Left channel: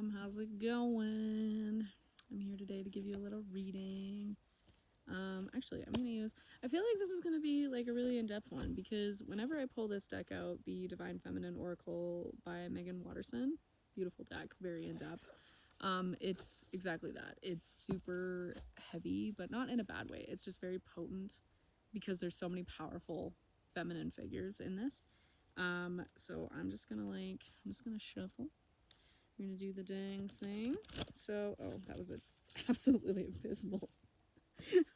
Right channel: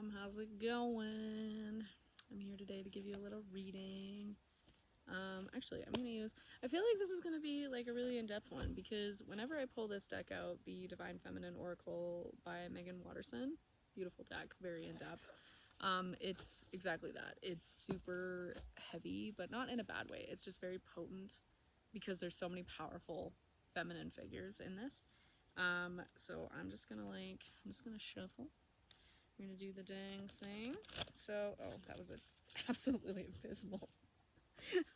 fam, how's it going? I'm here today to give you a little reading. Actually, I'm gonna use, I feel like this is gonna be like a really in-depth one because whenever I pull this deck out, the Divine Feminine Oracle by Megan Watterson, beautiful deck, very in-depth. It's exactly that. It's super heavy, but not in a bad way. It's just very potent because there's so many powerful feminine figures in this. So I'm just gonna shuffle. We're gonna do the dang thing. So, oh, that was absolutely abysmal,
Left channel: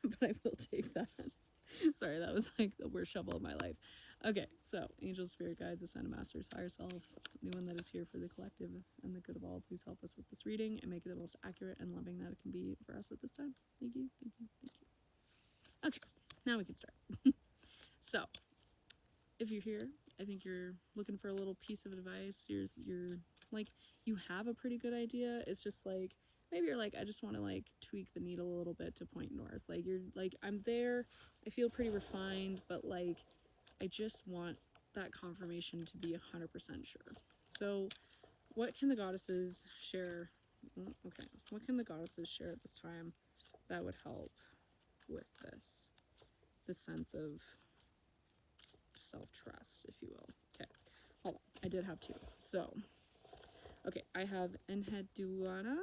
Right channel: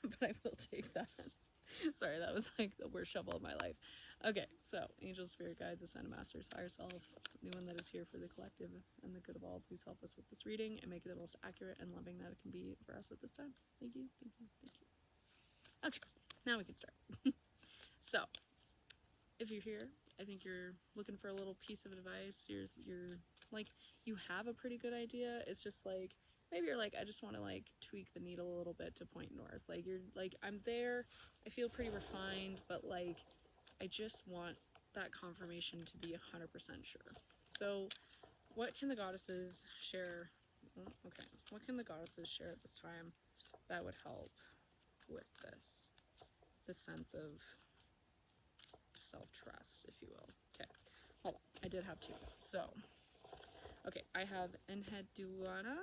but I will take that. Sorry, that was like the worst shovel of my life. Okay, so angels, spirit guides, ascended masters, higher self, anyone that is here for the collective and the good of all, please help us with this reading and make it the most accurate and loving that it can be for us at this time. Thank you, thank you, thank you. Okay, now we can start. So, if you're here, I think you're looking for a little piece of advice. You're like, you have a pretty good idea. It's just like, maybe you're like, I just want to like tweak the needle a little bit to point north. Like, you're like, I'm there, I feel pretty refined, but like, I just want that confirmation to be 100% sure. So what can the goddesses share? Okay, what can the goddesses share at this time that would help with this sense of self-trust, if you will? Okay, hold on, I did have two. So okay, I have Enheduanna.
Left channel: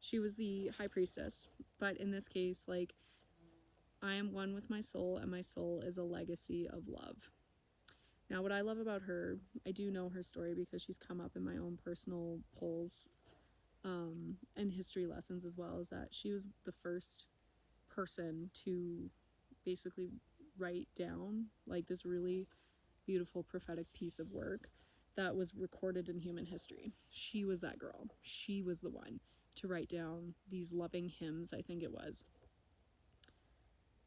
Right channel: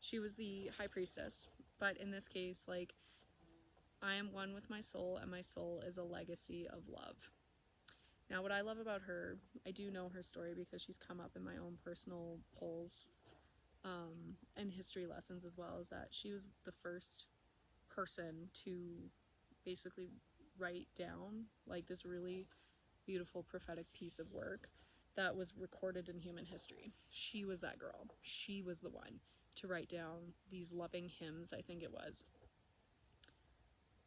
She was the high priestess, but in this case, like, I am one with my soul, and my soul is a legacy of love. Now, what I love about her, I do know her story because she's come up in my own personal polls and history lessons as well, is that she was the first person to basically write down like this really beautiful prophetic piece of work that was recorded in human history. She was that girl. She was the one to write down these loving hymns, I think it was.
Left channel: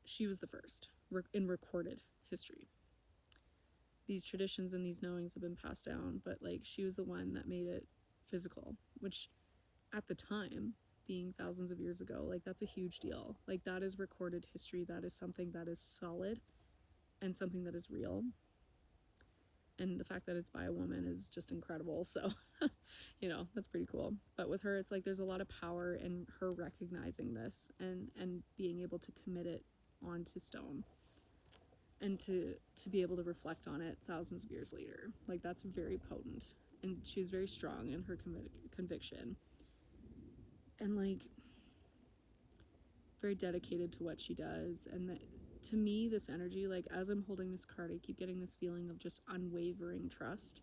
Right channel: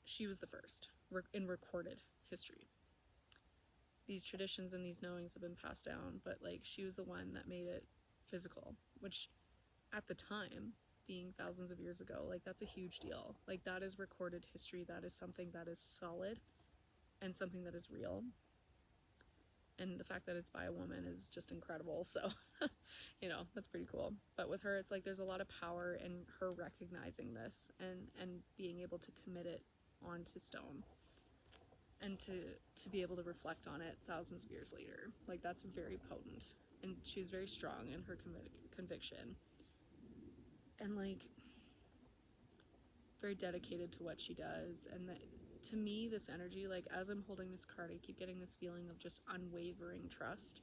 She was the first in recorded history. These traditions and these knowings have been passed down, but like, she was the one that made it physical, which at the time, being thousands of years ago, like, that's a huge deal. Like, that is recorded history. That is something that is solid and something that is real. And the fact that it's by a woman is just incredible. So, you know, that's pretty cool. But with her, it's like there's a lot of power in her recognizing this and being able to commit it onto stone and to be able to reflect on it thousands of years later. Like, that's very potent. And she's very strong in her conviction. And like, very dedicated to what she does. And that, to me, this energy, like, as I'm holding this card, I keep getting this feeling of just unwavering trust.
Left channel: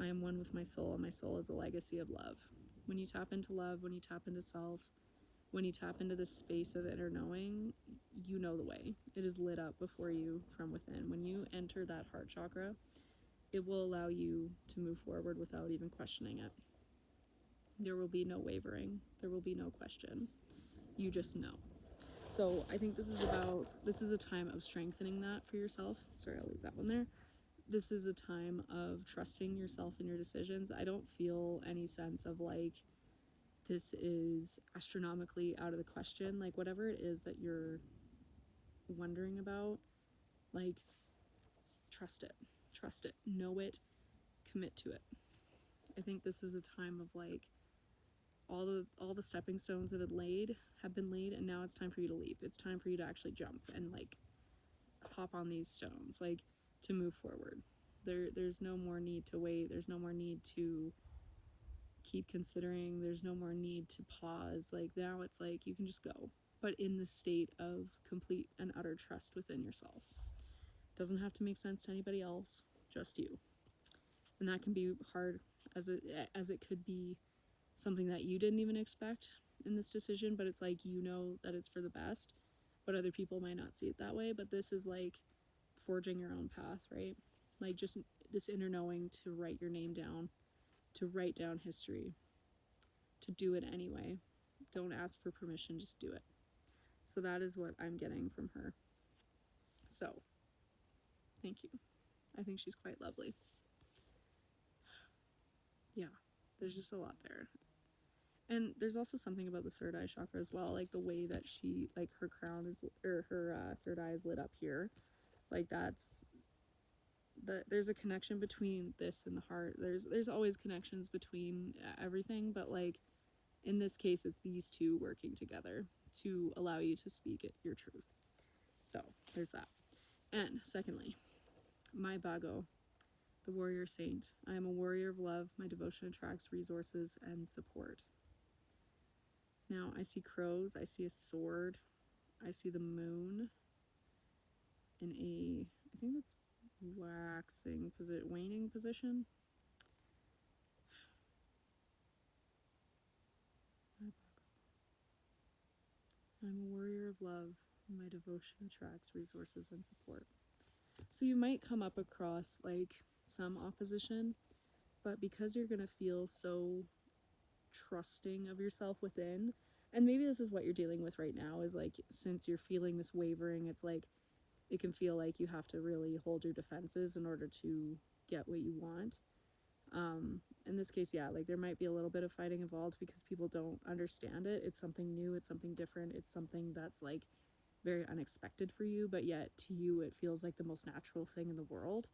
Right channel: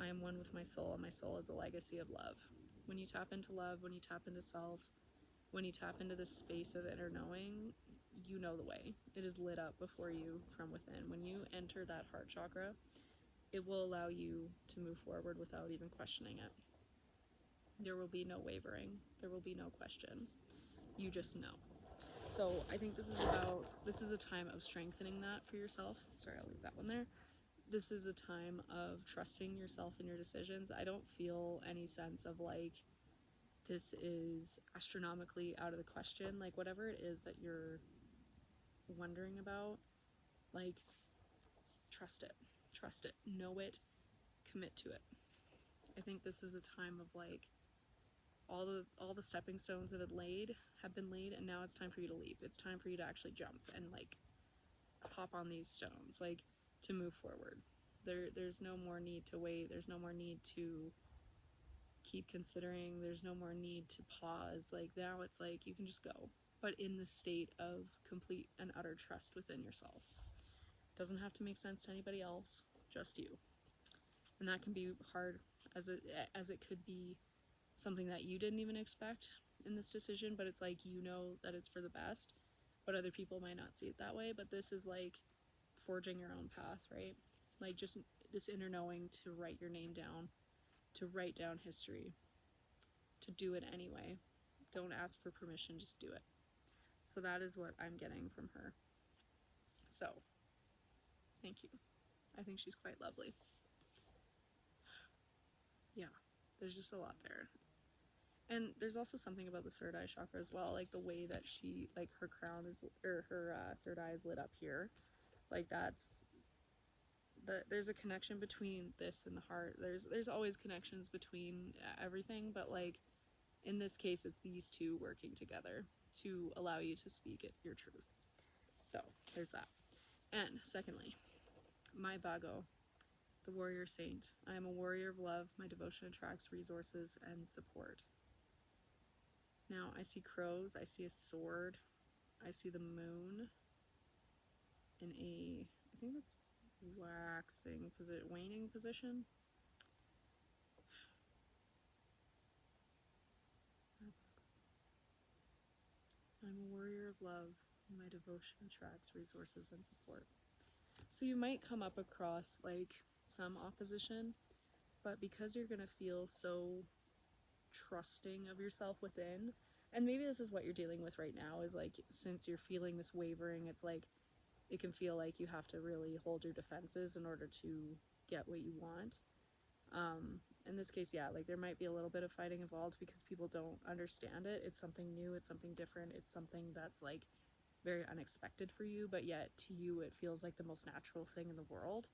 I am one with my soul, and my soul is a legacy of love. When you tap into love, when you tap into self, when you tap into this space of inner knowing, you know the way. It is lit up before you from within. When you enter that heart chakra, it will allow you to move forward without even questioning it. There will be no wavering. There will be no question. You just know. So I think this is a time of strengthening that for yourself. Sorry, I'll leave that one there. This is a time of trusting yourself and your decisions. I don't feel any sense of like, this is astronomically out of the question. Like, whatever it is that you're wondering about, like, trust it, know it, commit to it. I think this is a time of like, all the stepping stones have been laid, and now it's time for you to leap. It's time for you to actually jump and like hop on these stones, like, to move forward. There's no more need to wait. There's no more need to keep considering. There's no more need to pause. Like, now it's like you can just go, but in the state of complete and utter trust within yourself. Doesn't have to make sense to anybody else, just you. And that can be hard, as it could be something that you didn't even expect in this decision, but it's like, you know that it's for the best, but other people might not see it that way. But this is like forging your own path, right? Like, just this inner knowing to write your name down, to write down history, to do it anyway. Don't ask for permission, just do it. So that is what I'm getting from her. So, thank you. I think she's quite lovely. Yeah, there's just a lot there. And there's also something about the third eye chakra as well, like the way that she, like, her crown is, or her third eye is lit up here. Like, that's there's a connection between this and the heart. There's always connections between everything, but like in this case, it's these two working together to allow you to speak your truth. So there's that. And secondly, my Bago, the warrior saint. I am a warrior of love. My devotion attracts resources and support. Now I see crows. I see a sword. I see the moon in a, I think it's waning position. I'm a warrior of love. My devotion attracts resources and support. So you might come up across like some opposition, but because you're gonna feel so trusting of yourself within, and maybe this is what you're dealing with right now, is like since you're feeling this wavering, it's like it can feel like you have to really hold your defenses in order to get what you want. In this case, yeah, like there might be a little bit of fighting involved because people don't understand it. It's something new, it's something different, it's something that's like very unexpected for you, but yet to you it feels like the most natural thing in the world.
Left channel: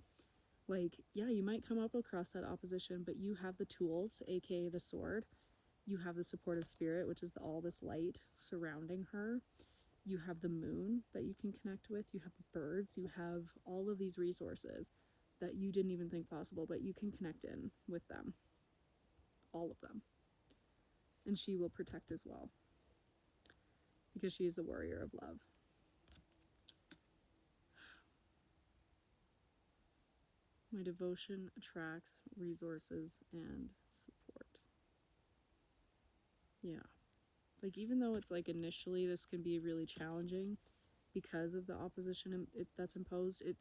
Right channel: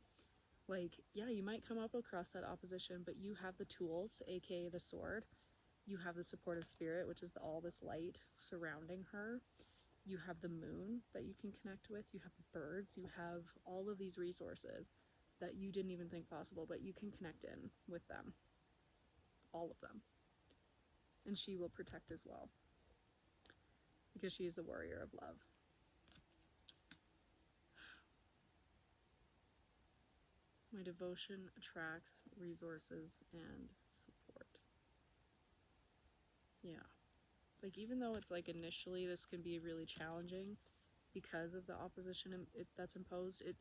Like, yeah, you might come up across that opposition, but you have the tools, aka the sword. You have the supportive spirit, which is all this light surrounding her. You have the moon that you can connect with. You have the birds. You have all of these resources that you didn't even think possible, but you can connect in with them. All of them. And she will protect as well, because she is a warrior of love. My devotion attracts resources and support. Yeah. Like, even though it's like initially this can be really challenging because of the opposition that's imposed, it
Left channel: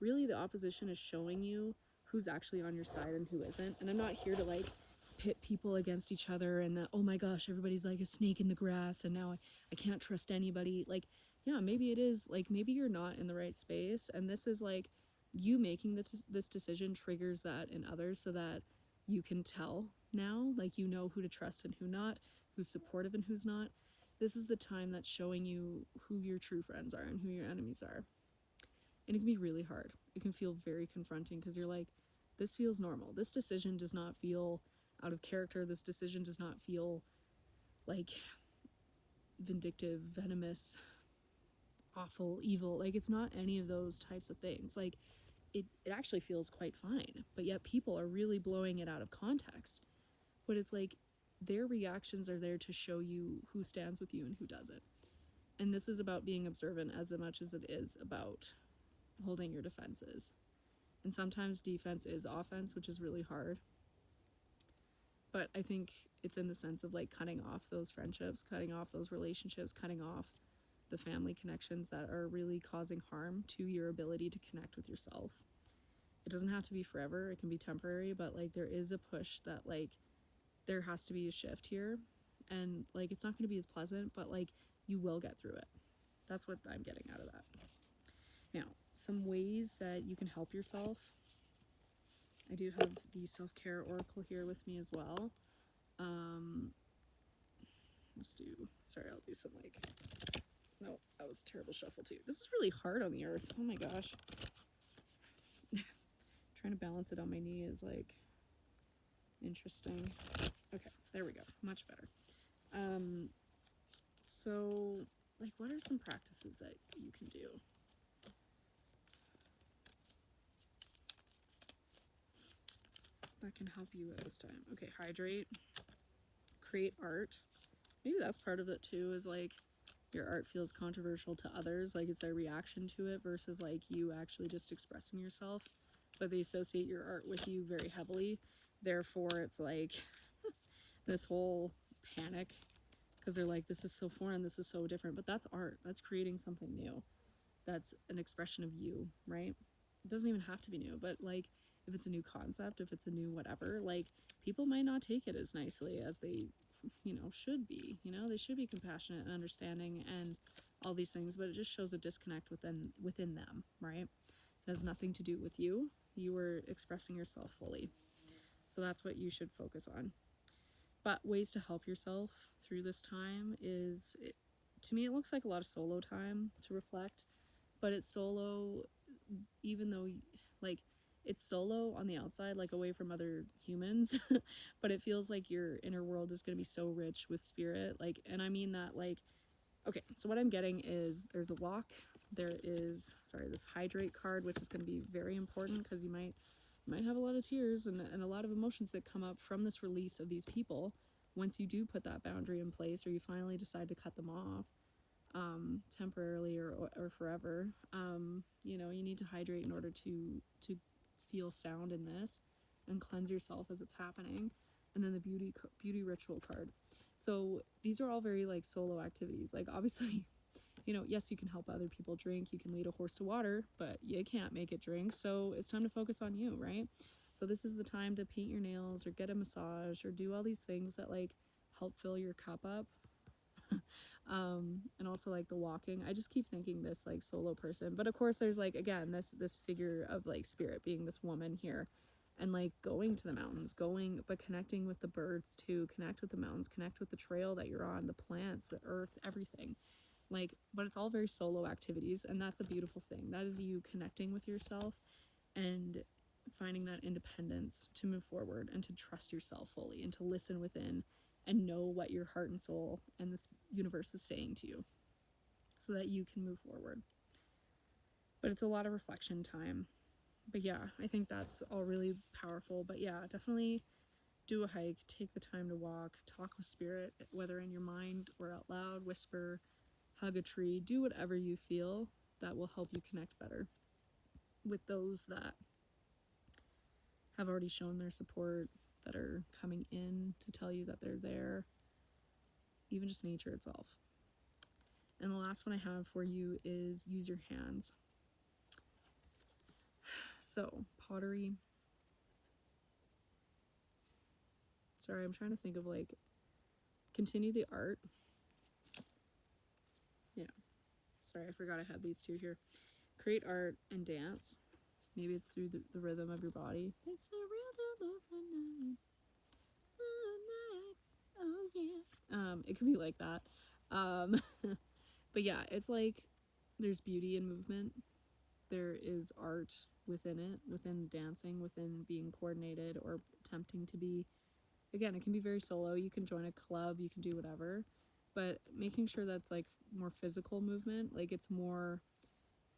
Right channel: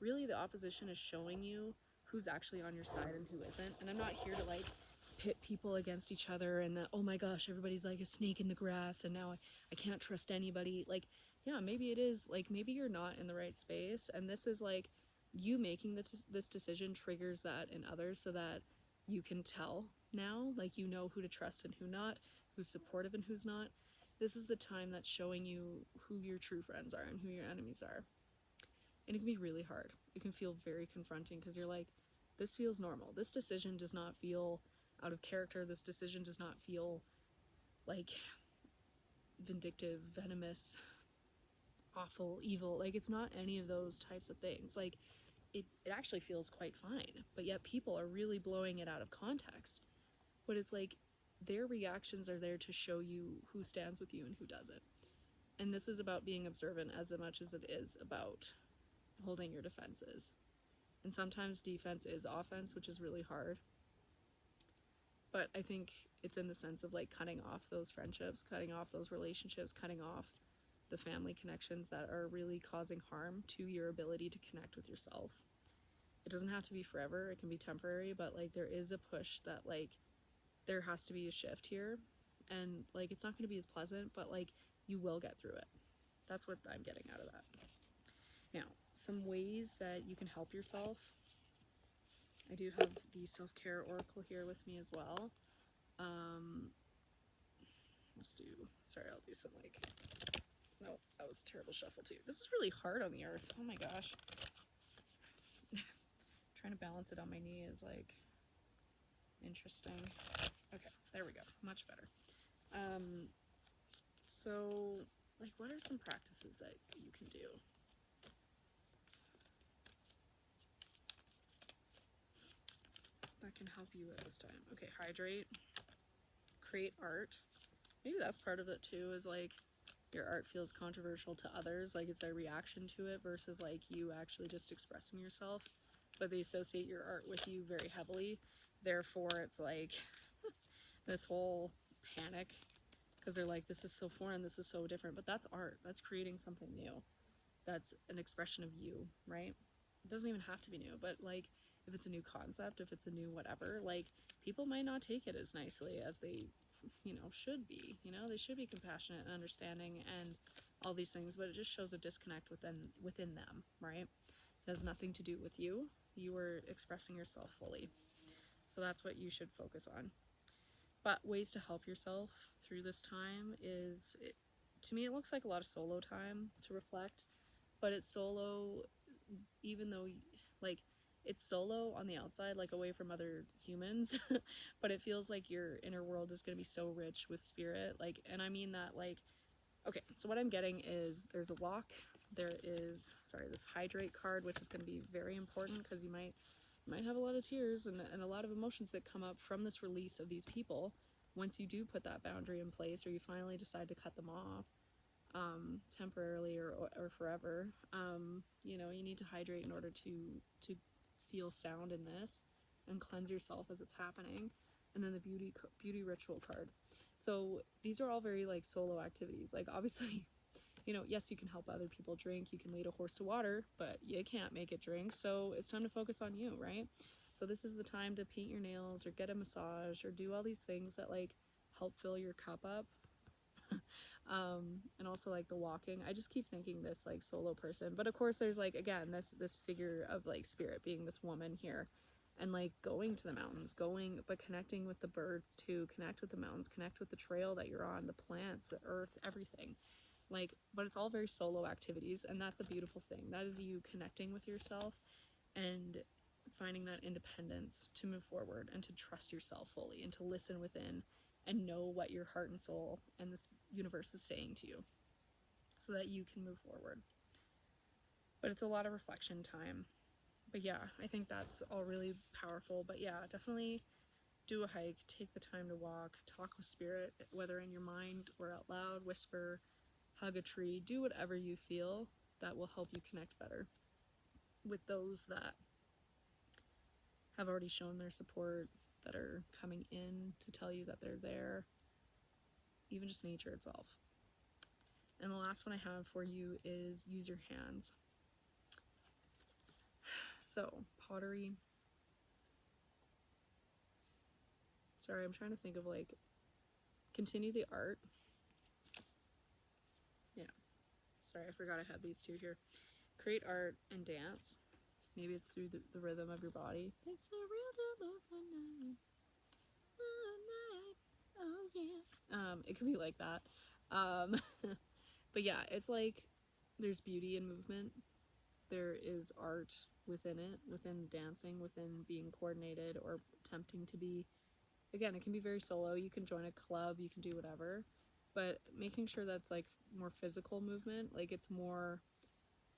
really, the opposition is showing you who's actually on your side and who isn't. And I'm not here to like pit people against each other and that, oh my gosh, everybody's like a snake in the grass and now I can't trust anybody. Like, yeah, maybe it is, like, maybe you're not in the right space, and this is like you making this decision triggers that in others, so that you can tell now, like, you know who to trust and who not, who's supportive and who's not. This is the time that's showing you who your true friends are and who your enemies are. And it can be really hard. It can feel very confronting because you're like, this feels normal. This decision does not feel out of character. This decision does not feel like vindictive, venomous, awful, evil. Like, it's not any of those types of things. Like, it actually feels quite fine. But yet people are really blowing it out of context. But it's like their reactions are there to show you who stands with you and who doesn't. And this is about being observant as much as it is about holding your defenses. And sometimes defense is offense, which is really hard. But I think it's in the sense of like cutting off those friendships, cutting off those relationships, cutting off the family connections that are really causing harm to your ability to connect with yourself. It doesn't have to be forever, it can be temporary, but like there is a push that like there has to be a shift here. And like it's not going to be as pleasant, but like you will get through it. That's what I'm getting out of that. Now, some ways that you can help yourself. I do have the self-care oracle here with me as well. I'll do some like, no, that was a terrible shuffle too. This is really hard on the earth. Oh my gosh. Trying to balance it on my knee is like interesting. Okay, there we go. Much better. So like, what are some practices that you can do? That can help you at this time. Okay, hydrate, create art. Maybe that's part of it too, is like your art feels controversial to others, like it's their reaction to it versus like you actually just expressing yourself, but they associate your art with you very heavily. Therefore, it's like this whole panic because they're like, this is so foreign, this is so different, but that's art. That's creating something new. That's an expression of you, right? It doesn't even have to be new, but like if it's a new concept, if it's a new whatever, like people might not take it as nicely as they, should be. They should be compassionate and understanding and all these things, but it just shows a disconnect within them, right? It has nothing to do with you. You are expressing yourself fully. So that's what you should focus on. But ways to help yourself through this time is, to me, it looks like a lot of solo time to reflect, but it's solo, even though, like, it's solo on the outside, like away from other humans, but it feels like your inner world is going to be so rich with spirit. Like, and I mean that, like, okay, so what I'm getting is there's a walk, there is, sorry, this hydrate card, which is going to be very important because you might have a lot of tears and a lot of emotions that come up from this release of these people once you do put that boundary in place or you finally decide to cut them off, temporarily or forever. You know, you need to hydrate in order to feel sound in this and cleanse yourself as it's happening. And then the beauty ritual card. So these are all very like solo activities. Like obviously, you know, yes, you can help other people drink, you can lead a horse to water, but you can't make it drink. So it's time to focus on you, right? So this is the time to paint your nails or get a massage or do all these things that like help fill your cup up. And also like the walking, I just keep thinking this like solo person, but of course there's like again this figure of like spirit being this woman here, and like going to the mountains, going but connecting with the birds too, connect with the mountains, connect with the trail that you're on, the plants, the earth, everything. Like, but it's all very solo activities, and that's a beautiful thing. That is you connecting with yourself and finding that independence to move forward and to trust yourself fully and to listen within and know what your heart and soul and this universe is saying to you so that you can move forward. But it's a lot of reflection time. But yeah, I think that's all really powerful. But yeah, definitely do a hike, take the time to walk, talk with spirit, whether in your mind or out loud, whisper, hug a tree, do whatever you feel that will help you connect better with those that have already shown their support, that are coming in to tell you that they're there, even just nature itself. And the last one I have for you is use your hands. So, pottery. Sorry, I'm trying to think of like, continue the art. Yeah. Sorry, I forgot I had these two here. Create art and dance. Maybe it's through the rhythm of your body. It's the rhythm of the night. Oh yeah. It could be like that. But yeah, it's like there's beauty in movement. There is art within it, within dancing, within being coordinated or attempting to be. Again, it can be very solo. You can join a club, you can do whatever, but making sure that's like more physical movement, like it's more,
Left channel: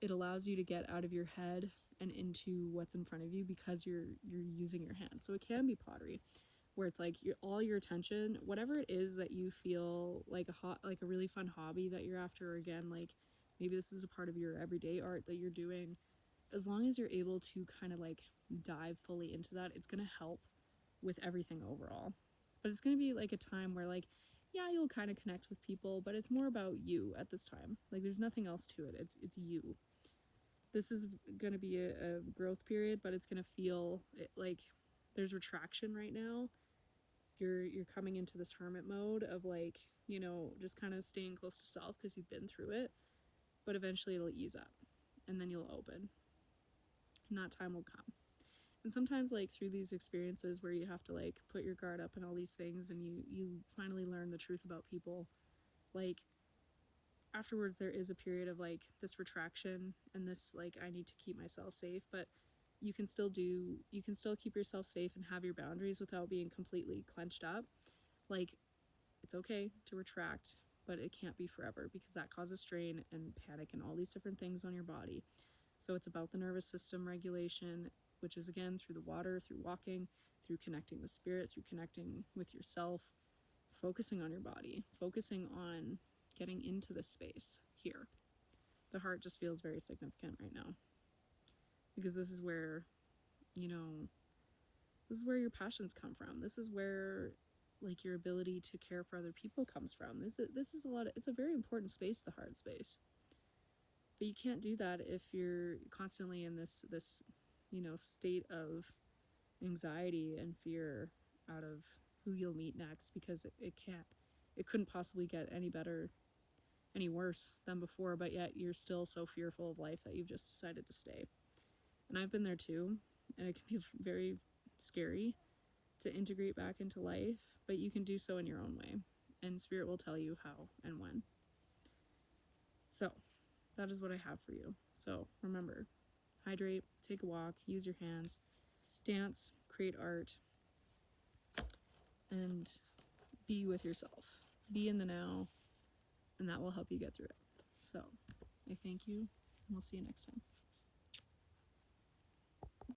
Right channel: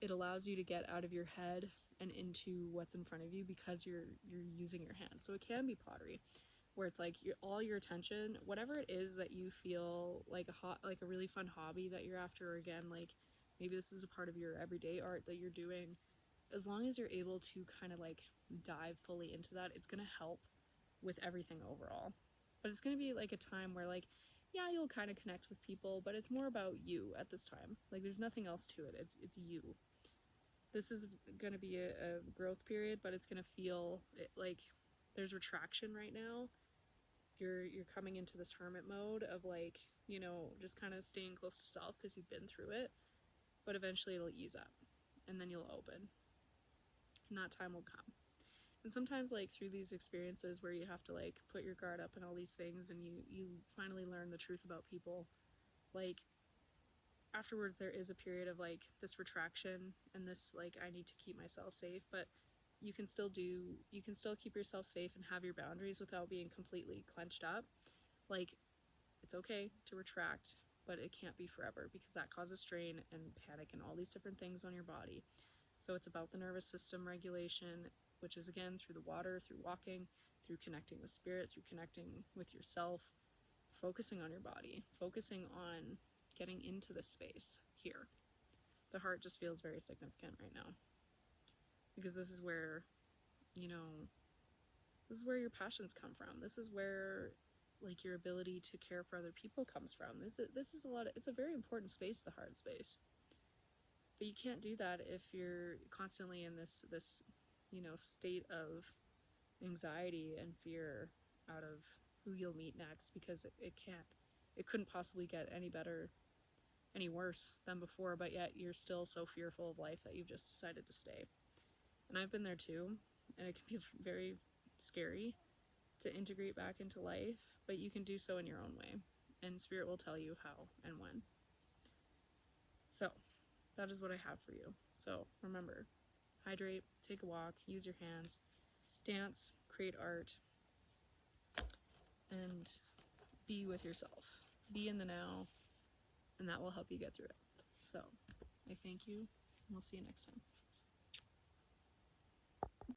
it allows you to get out of your head and into what's in front of you because you're using your hands. So it can be pottery, where it's like all your attention, whatever it is that you feel like like a really fun hobby that you're after, or again, like maybe this is a part of your everyday art that you're doing, as long as you're able to kind of like dive fully into that, it's going to help with everything overall. But it's going to be like a time where like, yeah, you'll kind of connect with people, but it's more about you at this time. Like there's nothing else to it. It's you. This is going to be a growth period, but it's going to feel like there's retraction right now. You're coming into this hermit mode of like, you know, just kind of staying close to self because you've been through it, but eventually it'll ease up and then you'll open and that time will come. And sometimes like through these experiences where you have to like put your guard up and all these things and you finally learn the truth about people, like afterwards there is a period of like this retraction and this like I need to keep myself safe, but you can still keep yourself safe and have your boundaries without being completely clenched up. Like it's okay to retract, but it can't be forever because that causes strain and panic and all these different things on your body. So it's about the nervous system regulation, which is again through the water, through walking, through connecting with spirit, through connecting with yourself, focusing on your body, focusing on getting into this space here. The heart just feels very significant right now because this is where, you know, this is where your passions come from. This is where like your ability to care for other people comes from. This is a lot of, it's a very important space, the heart space. But you can't do that if you're constantly in this you know, state of anxiety and fear out of who you'll meet next, because it couldn't possibly get any better, any worse than before, but yet you're still so fearful of life that you've just decided to stay. And I've been there too, and it can be very scary to integrate back into life, but you can do so in your own way, and spirit will tell you how and when. So that is what I have for you. So remember, hydrate, take a walk, use your hands, dance, create art, and be with yourself. Be in the now, and that will help you get through it. So, I thank you, and we'll see you next time.